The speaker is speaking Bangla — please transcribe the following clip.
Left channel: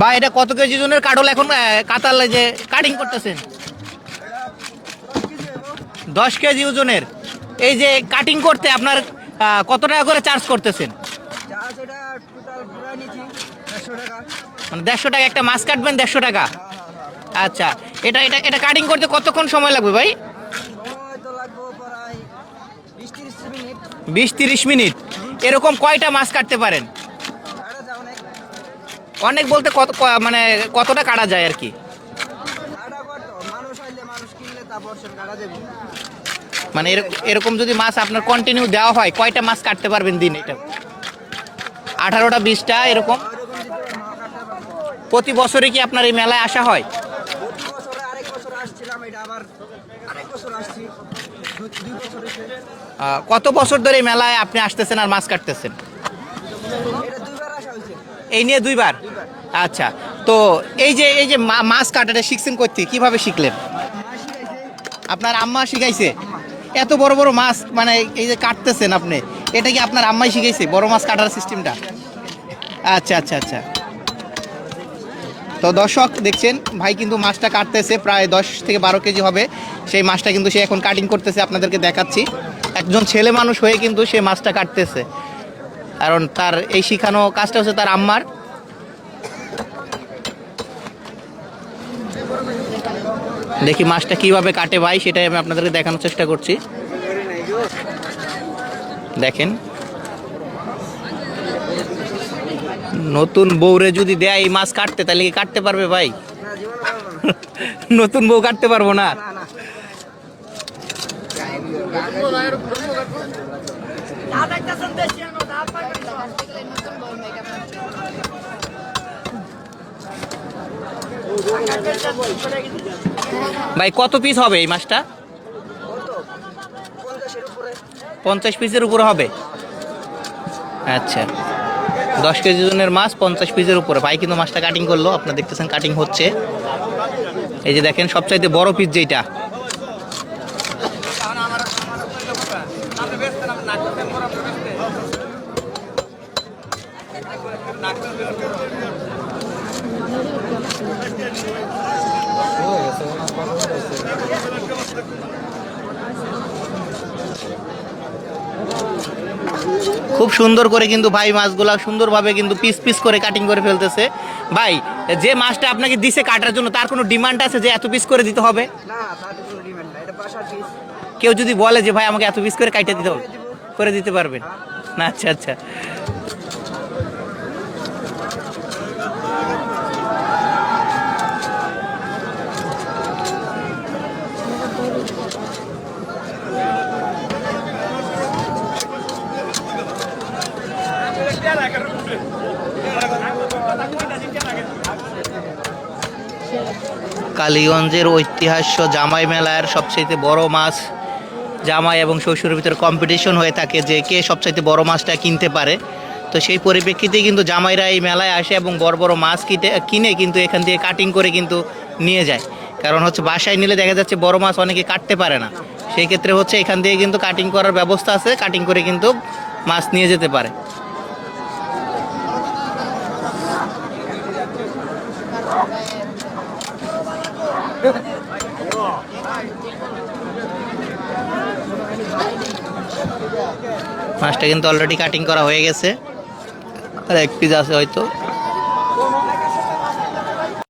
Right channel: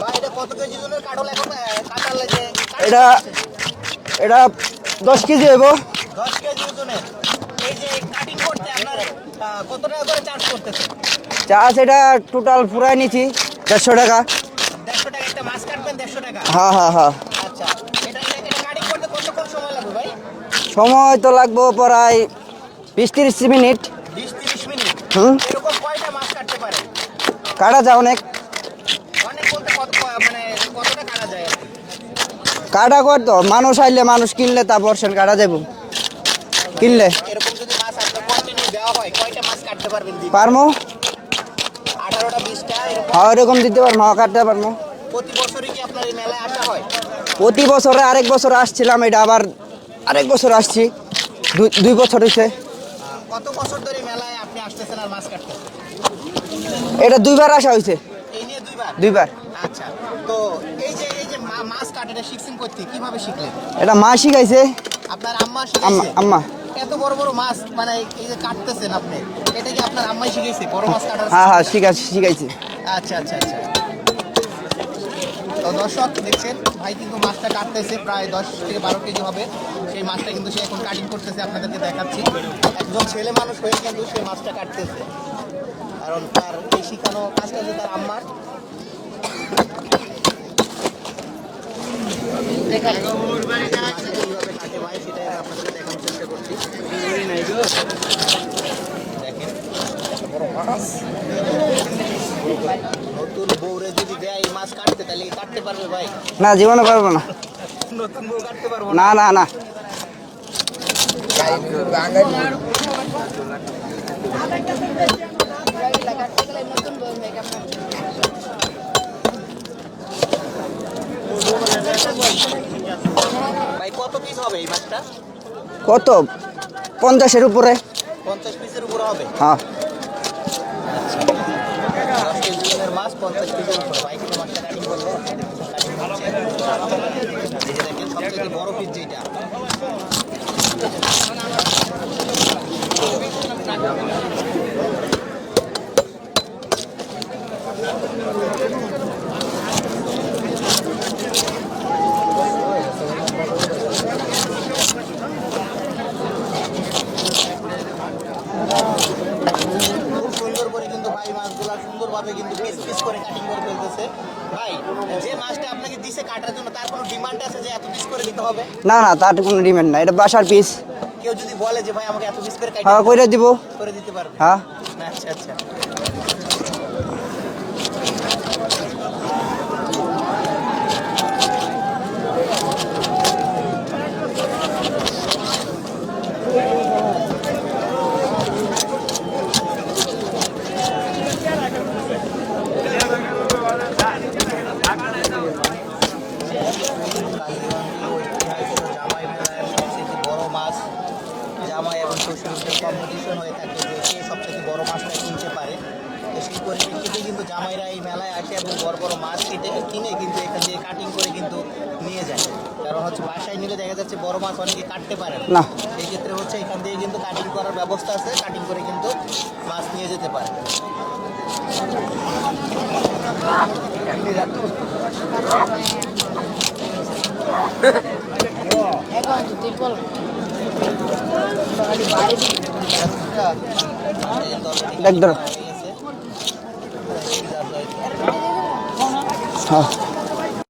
ভাই এটা কত কেজি ওজনের কাটল এখন কাতার যে কাটিং করতেছেন? এটা 10 কেজি হইব। 10 কেজি ওজনের। এই যে কাটিং করতে আপনার কত টাকা করে চার্জ করতেছেন? চার্জ এটা টোটাল পুরাই নিছি 150 টাকা। মানে 150 টাকা একটা মাছ কাটবেন 150 টাকা? হ্যাঁ হ্যাঁ হ্যাঁ। আচ্ছা, এটা এটা এটা কাটিং করতে কতক্ষণ সময় লাগবে ভাই? সময় তো লাগবে প্রায় 20-30 মিনিট। 20-30 মিনিট? এরকম কয়টা মাছ কাটতে পারেন? কাটা যায় অনেক। অনেক বলতে মানে কতটা কাটা যায় আর কি? কাটা কত মানুষ আইলে মানুষ কিনলে তারপর সেন কাটা যাবো। মানে এরকম যদি মাছ আপনার কন্টিনিউ দেওয়া হয় কয়টা মাছ কাটতে পারবেন দিন? পারমো 18টা 20টা এরকম? হ্যাঁ এরকম দিতে পারবো, কাটতে পারবো। প্রতি বছরে কি আপনার এই মেলায় আসা হয়? প্রতি বছরে আরেক বছর আসছিলাম, এটা আবার আরেক বছর আসছি, 2 বছর হয়েছে। কত বছর ধরে এই মেলায় আপনি আসতেছেন আর মাছ কাটতেছেন? এটা 2বার আসা হয়েছে। এই নিয়ে 2বার? 2বার। আচ্ছা, তো এই যে মাছ কাটাটা শিখছেন করতে কিভাবে শিখলেন? এটা মা শিখাইছে। আপনার আম্মা শিখাইছে? আম্মা। এত বড় বড় মাছ মানে এই যে কাটতেছেন আপনি, এটা কি আপনার আম্মাই শিখাইছে বড় মাছ কাটার হ্যাঁ সিস্টেমটা? শিখাইছে। আচ্ছা আচ্ছা আচ্ছা। তো দর্শক দেখছেন ভাই কিন্তু মাছটা কাটতেছে, প্রায় 10 থেকে 12 কেজি হবে সেই মাছটা কিন্তু সে এখন কাটিং করতেছে, আপনাদেরকে দেখাচ্ছি। একজন ছেলে মানুষ হয়ে কিন্তু সে মাছটা কাটতেছে, কারণ তার এই শিখানো কাজটা হচ্ছে তার আম্মার। দেখি মাছটা কিভাবে কাটে ভাই, সেটাই আমি আপনাদেরকে দেখানোর চেষ্টা করছি। দেখেন, নতুন বউরে যদি দেয় এই মাছ কাটতে, তাহলে কি কাটতে পারবে ভাই? না, জীবনে পারবো না। নতুন বউ কাটতে পারবো না? না না। ভাই কত পিস হবে এই মাছটা? কত 50-এর উপরে। 50 পিসের উপরে হবে? হ্যাঁ। আচ্ছা, 10 কেজি ওজনের মাছ 50 পিসের উপরে। ভাই কিন্তু মাছটা কাটিং করলো, আপনারা দেখতেছেন কাটিং হচ্ছে। এই যে দেখেন সবচাইতে বড় পিস যেটা, খুব সুন্দর করে কিন্তু ভাই মাছগুলা সুন্দরভাবে কিন্তু পিস পিস করে কাটিং করে ফেলতেছে। ভাই যে মাছটা আপনাকে দিছে কাটার জন্য, তার কোনো ডিমান্ড আছে যে এত পিস করে দিতে হবে? না না, তার কোনো ডিমান্ড নাই, এটা বাসার পিস। কেউ যদি বলে যে ভাই আমাকে এত পিস করে কাটিয়ে দিতে করে দিব, করে দিতে পারবে? হ্যাঁ। আচ্ছা আচ্ছা। কালীগঞ্জের ঐতিহাস্য জামাই মেলার সবচেয়ে বড় মাছ, জামাই এবং শ্বশুরের ভিতরে কম্পিটিশন হয়ে থাকে যে কে সবচাইতে বড় মাছটা কিনতে পারে। তো সেই পরিপ্রেক্ষিতে কিন্তু জামাইরা এই মেলায় আসে এবং বড় বড় মাছ কিনে কিন্তু এখান থেকে কাটিং করে কিন্তু নিয়ে যায়। কারণ হচ্ছে বাসায় নিলে দেখা যাচ্ছে বড় মাছ অনেকে কাটতে পারে না, সেই ক্ষেত্রে হচ্ছে এখান থেকে কিন্তু কাটিং করার ব্যবস্থা আছে, কাটিং করে কিন্তু মাছ নিয়ে যেতে পারে। মাছটা কিন্তু অলরেডি কাটিং করা হয়ে গেছে, আর এক পিস আছে হয়তো।